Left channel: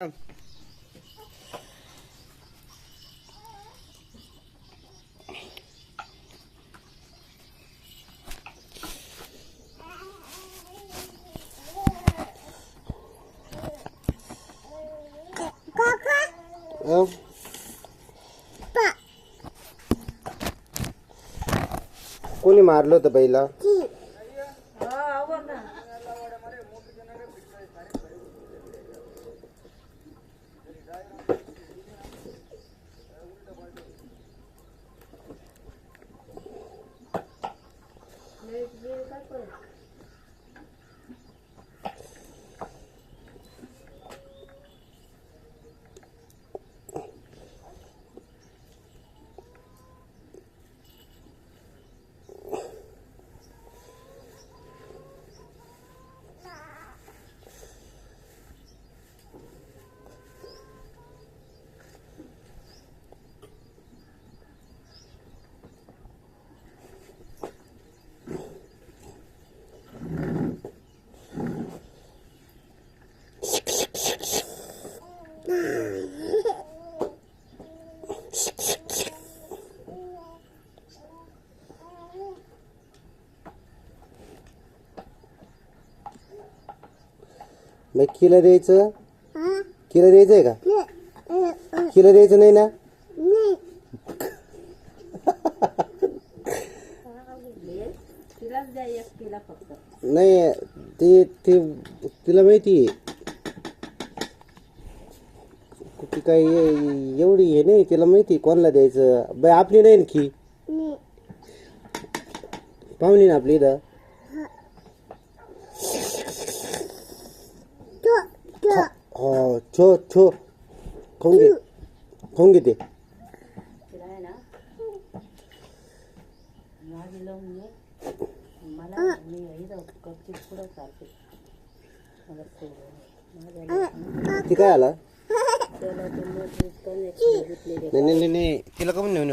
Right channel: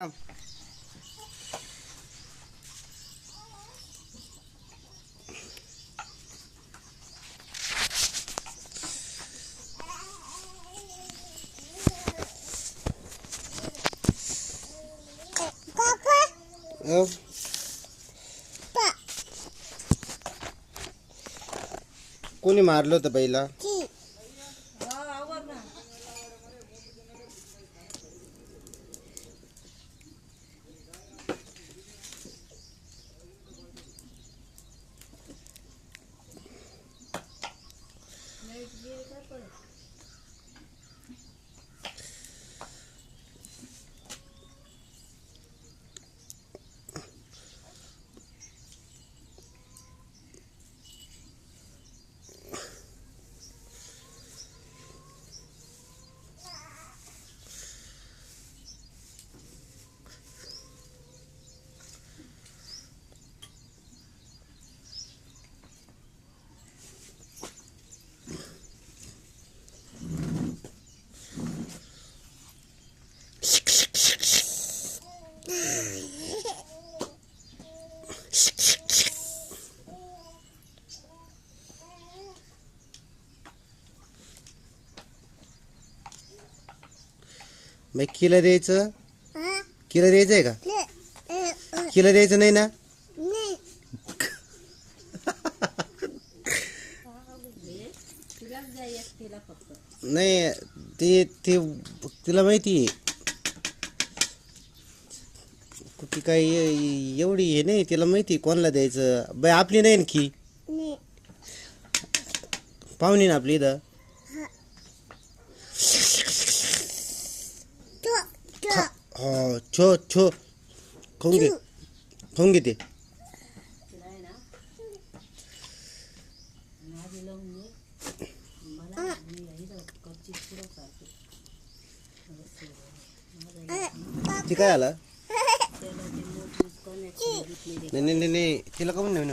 अ, कोणी मारलं होतं पहिला? llega मग किला द्यायचं? किला द्यायचं आहे का किला द्यायचं नाही ना? नाही. ते ते तिला माहिती ती काय ए- एवढी हे नाही तिला माहिती कोणाला द्यायचं. बाई आपली नाही आणखी पाहुणी ना आपली इथं. मी इथं कपची पुढं चालते मला सोडून ती काय आला नाही नाही नाही, नाही तिला का म्हणून